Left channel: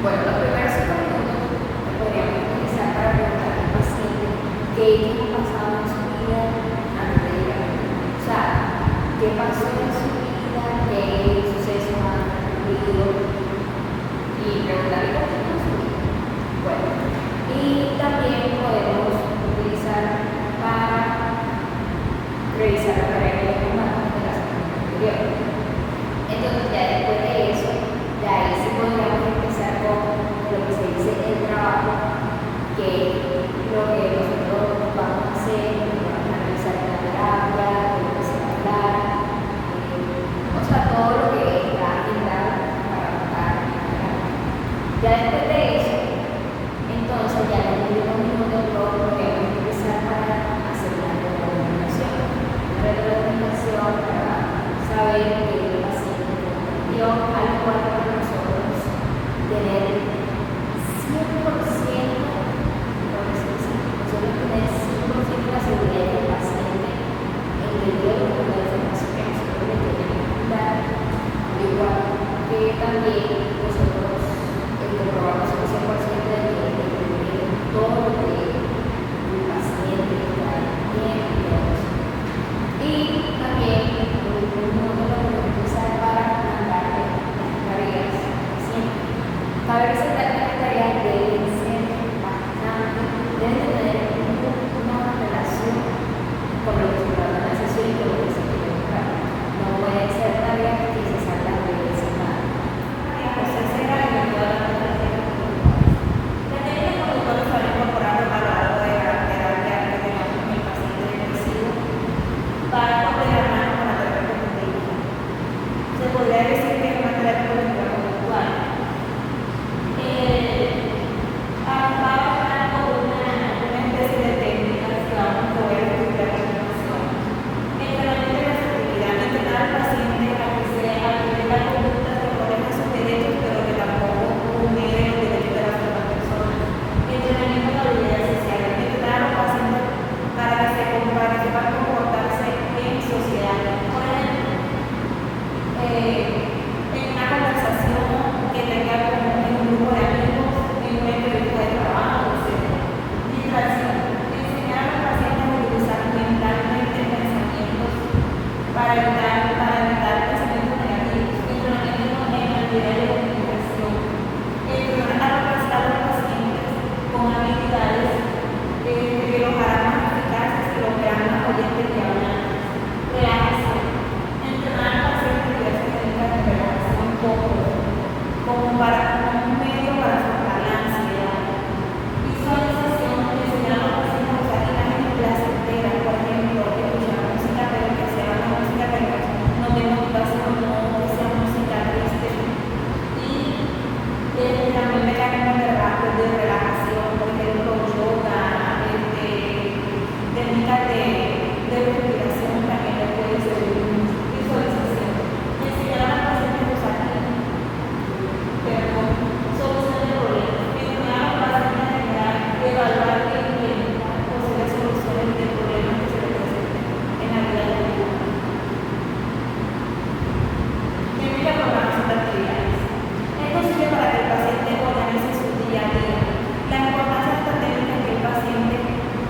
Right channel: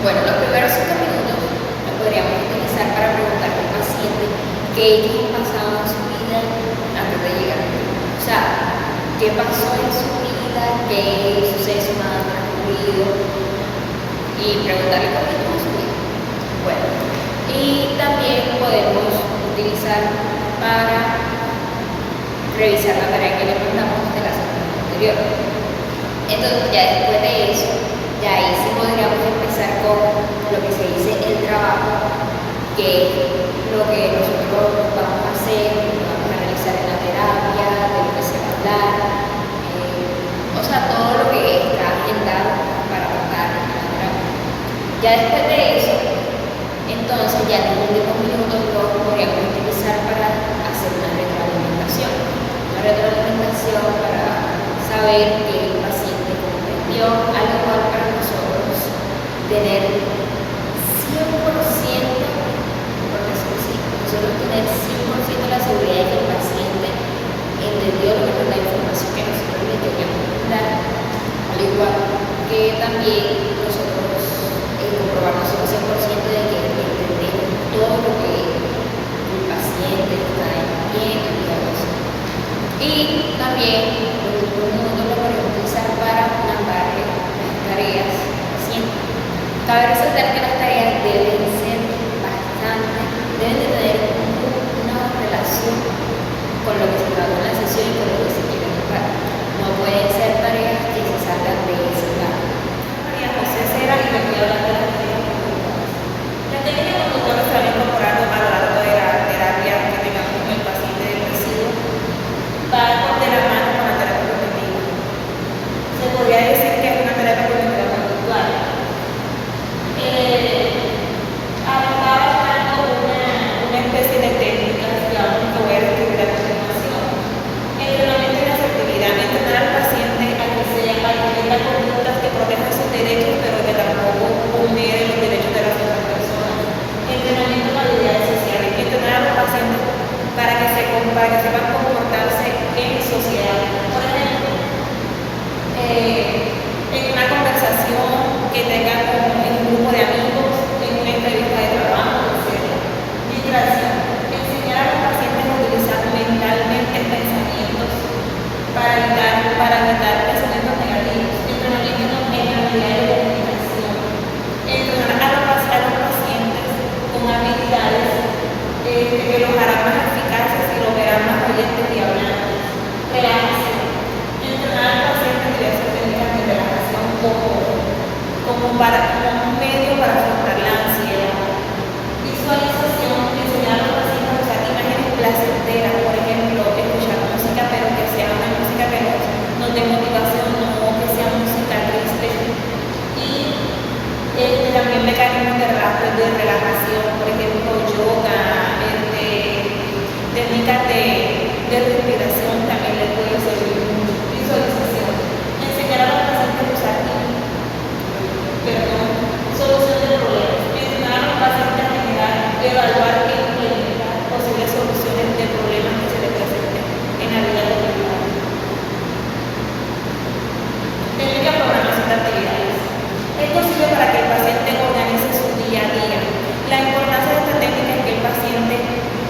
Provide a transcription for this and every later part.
Bueno, los primeros 5 que ellos han pasado en su vida antes de llegar. O sea, qué pasó en su vida, qué sucesos han transcurrido y preguntarle cómo estuvo su vida. Bueno, y también podemos utilizar para revisar la tarea que le mandamos de la semana anterior. Entonces, ya después de eso, ya ahí sí podríamos empezar con lo que se dice el trabajo, que es lo que nosotros vamos a hacer, lo que vamos a realizar en la terapia, de lo que se va a hablar, o sea, todo lo que está agendado para tratar en la terapia. Ya después de eso, entonces ya en los últimos minutos lo podríamos utilizar para hacer una retroalimentación. Una retroalimentación para saber que el paciente comprendió, al igual para nosotros tener 100%, por decirlo así, nosotros tener 100% la seguridad de que el paciente entendió lo que fue la información que nosotros le queríamos dar, al igual que también nosotros comprobar nosotros 100% de que entendemos todo lo que el paciente está entendiendo y todo eso. Y también los últimos minutos lo podemos utilizar para mandarle las tareas al paciente. Cabe resaltar que las tareas deben ser deben de tener una relación con lo que se trató en la sesión y con lo que se quiere buscar. No pueden ser tareas que se salgan de ese plano. María José Cera, y me estoy hablando de las técnicas conductuales. Las técnicas conductuales se van incorporando a lo largo de la terapia que tengamos con el paciente depresivo, van de la mano con la terapia cognitiva. Se podría decir que es una terapia cognitiva conductual. Una especie de técnicas que voy a describir a continuación. Entrenamiento y asertividad. Entrenar al paciente a que tenga conductas que protejan sus derechos, pero que tampoco vulneren los derechos de las otras personas. Entrenamiento en habilidades sociales. Entrenar a los pacientes para que sepan comportarse en sociedad. Por ejemplo, en una conversación que tengan en un grupo de amigos, en una entrevista de trabajo, etc. Distracción. Enseñar a los pacientes a utilizar mentalmente pensamientos para evitar pensamientos negativos. Entrenamiento en habilidades de comunicación. Entrenar a los pacientes con habilidades que los harán más eficaces y los verán más oyentes y hablantes. Relajación. Entrenar al paciente en diversas técnicas de relajación como un medio para afrontar la ansiedad. Visualización. Enseñar a los pacientes a usar imágenes placenteras, por ejemplo, escuchar música, pero que sea una música que nos dé motivación, no que sea música triste. Y también mecanismos de relajación, por ejemplo, yoga, técnicas de respiración también les puede servir mucho. Visualización. Enseñar a los pacientes a usar solución de problemas. Enseñar a los pacientes a generar, evaluar e implementar posibles soluciones de problemas que se les presenten en la vida cotidiana. Técnica de programación de actividades. Esto sirve para que el paciente organice su día a día. La importancia de esta técnica es que el paciente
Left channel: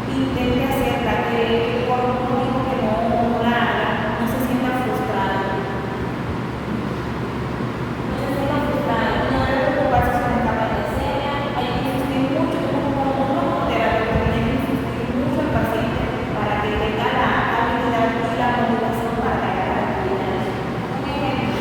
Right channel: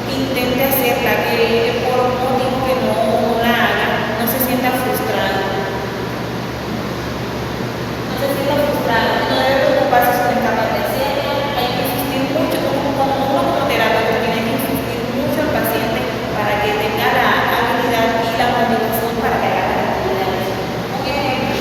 intente hacerla, que por un motivo que no la haga, no se sienta frustrado. No debe preocuparse si no es capaz de hacerlo. Hay que insistir mucho, como terapeuta, tiene que insistir mucho al paciente para que tenga la habilidad y la motivación para que haga las actividades. Un ejemplo.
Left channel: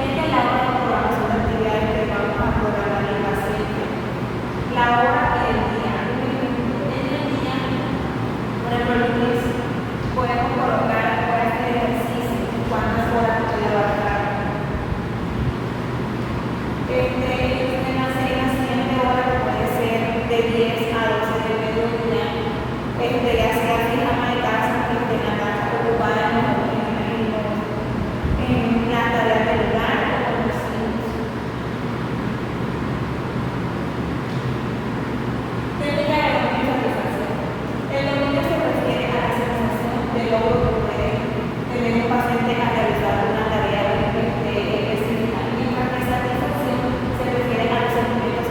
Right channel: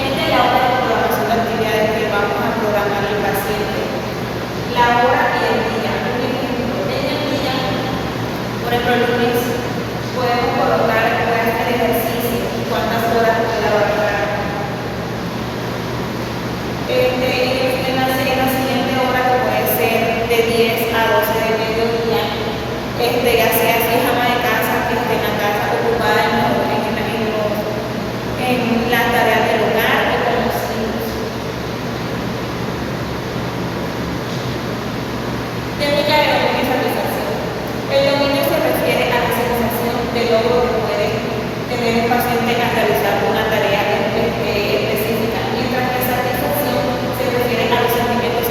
Esta es la hora de programación de actividades que vamos a programar al paciente. La hora y el día. Un ejemplo. En el día, por ejemplo, el lunes, podemos colocar, puede hacer ejercicio, cuántas horas puede lavar la cara. En la siguiente hora, que puede ser de 10 a 12 del mediodía, ya sea si es ama de casa, que esté en la casa ocupada en las tareas del hogar o con los hijos. Técnica de dominio y satisfacción. El dominio se refiere a la sensación de logro que puede tener el paciente al realizar una tarea específica, mientras que satisfacción se refiere a los sentimientos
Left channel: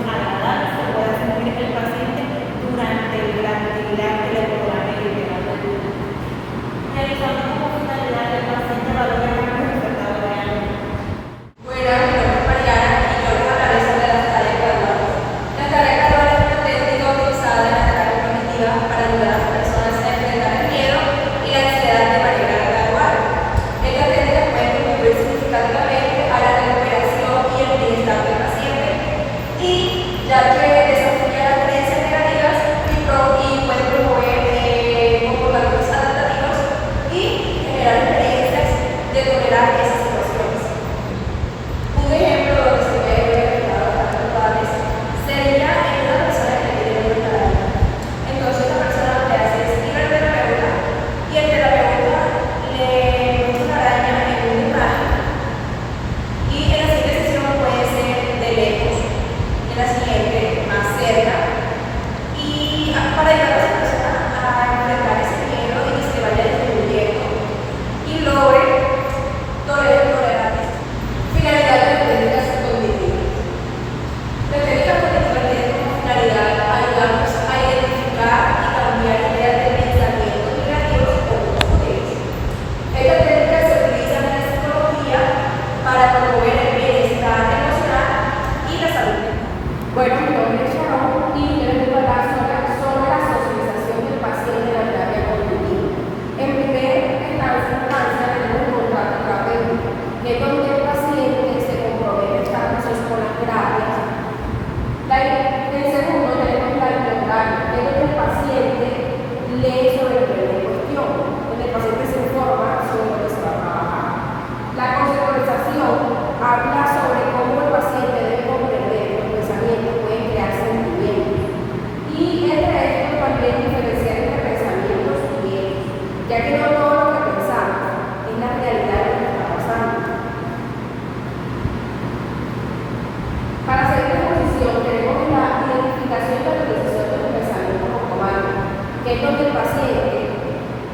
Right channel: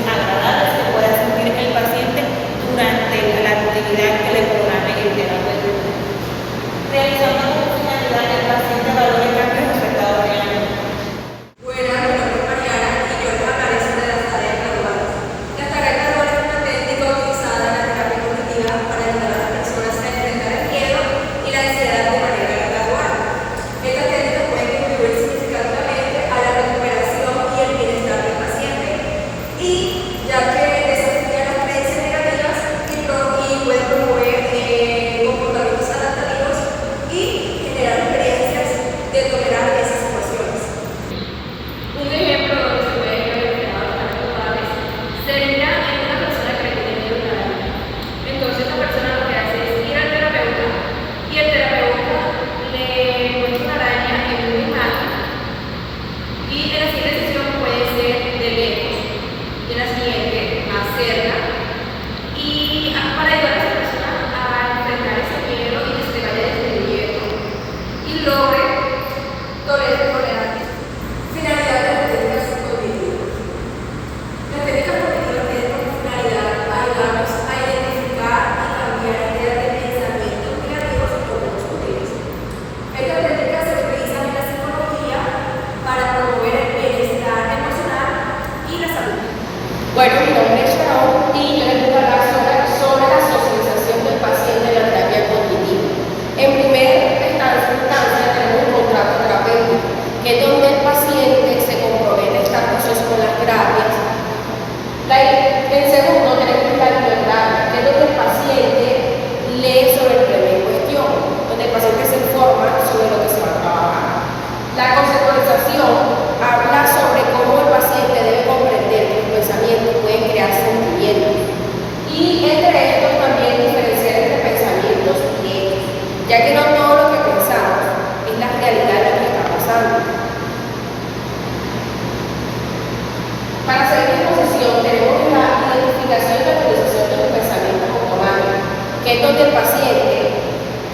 es donde el paciente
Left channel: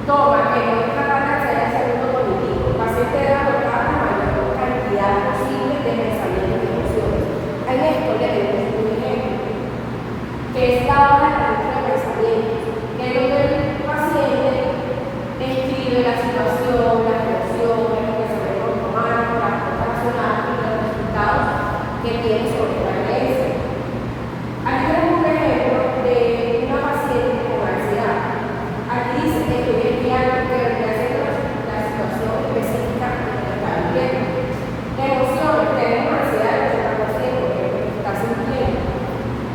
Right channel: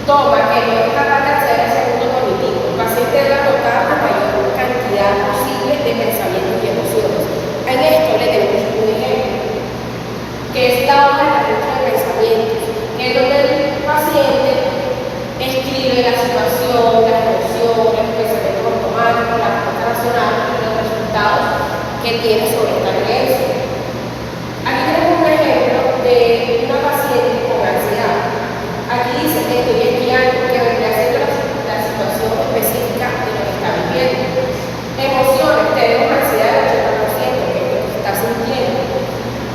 toma que no es capaz de acceder al segundo cognitivo. El paciente debe anotar la mayor cantidad posible de pensamientos y emociones. En esto le tenemos un ejemplo, que es la hoja de registro de pensamientos, que es donde el paciente escribe la situación, las emociones, los pensamientos automáticos, la respuesta racional y los resultados que tiene sobre esta creencia. Aquí tenemos un ejemplo de una paciente con ansiedad. Aquí dice que estoy esquiando, que vendría siendo la situación específica de lo que está viviendo. Emociones, tenemos ansiedad del 80%, que es lo que está sintiendo.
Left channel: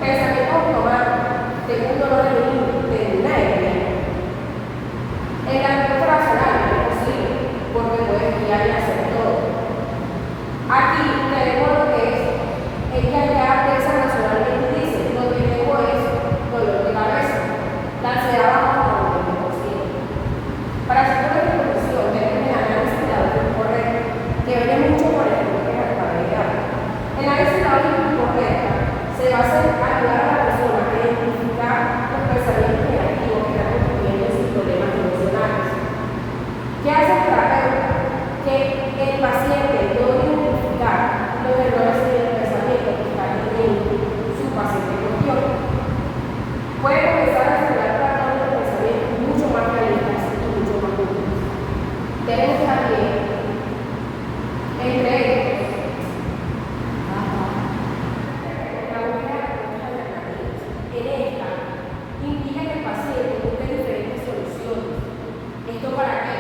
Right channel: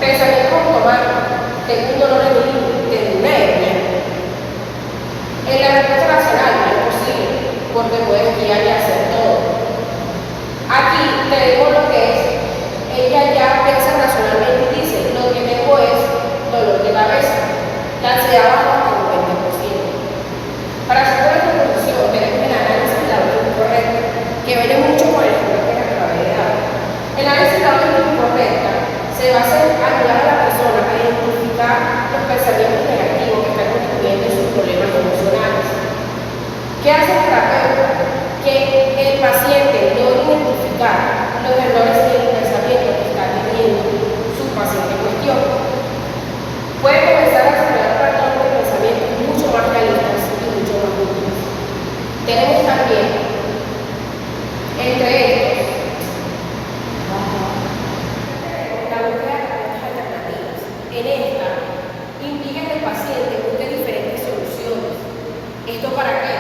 Pensamientos automáticos, tengo un dolor de mi tengo una hernia. En la respuesta racional no es posible, porque puede esquiar y hacer todo. Aquí tenemos lo que es, ella ya piensa racionalmente y dice, lo que tengo es dolor de cabeza. La ansiedad baja hasta un 20%. Para hacer una conclusión, tenemos el análisis de la orden incorrecta, que viene mucho por el ejemplo que acabé de dar. El análisis de la orden incorrecta se basa en ayudar a la persona a identificar los pensamientos negativos que están contribuyendo en sus problemas emocionales. ¿Qué hace el terapeuta? Que el paciente logre identificar los errores en el pensamiento que está teniendo su paciente en cuestión. Puede comenzar a desarrollar patrones de pensamiento mucho más realistas y mucho más útiles. Tenemos también, entre ellos, la búsqueda de respuestas alternativas. En esta, implica que el paciente busque diferentes soluciones. ¿Esto para qué?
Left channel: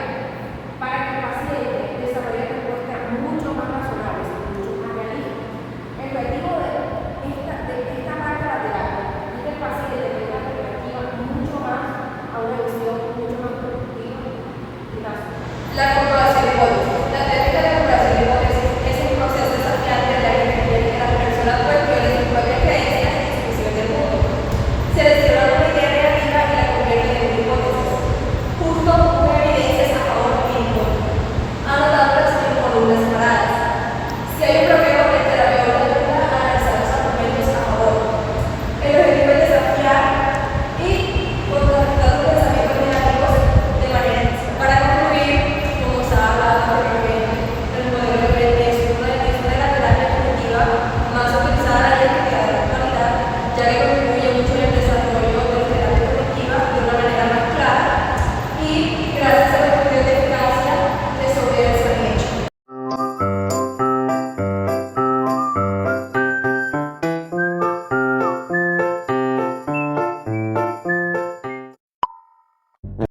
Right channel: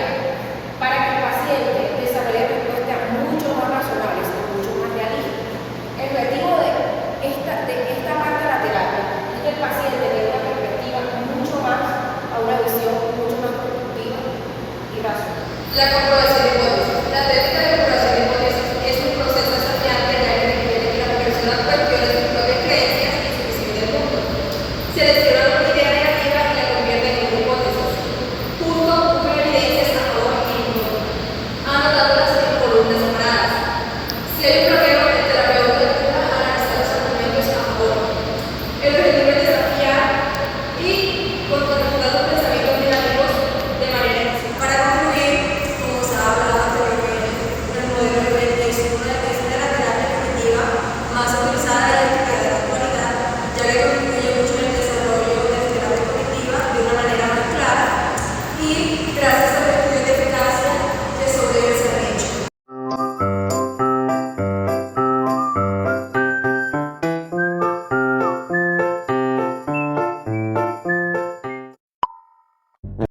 Para que el paciente desarrolle respuestas mucho más razonables y mucho más realistas. El objetivo de esta parte de la terapia es que el paciente tenga una perspectiva mucho más, a una visión mucho más productiva y racional. La comprobación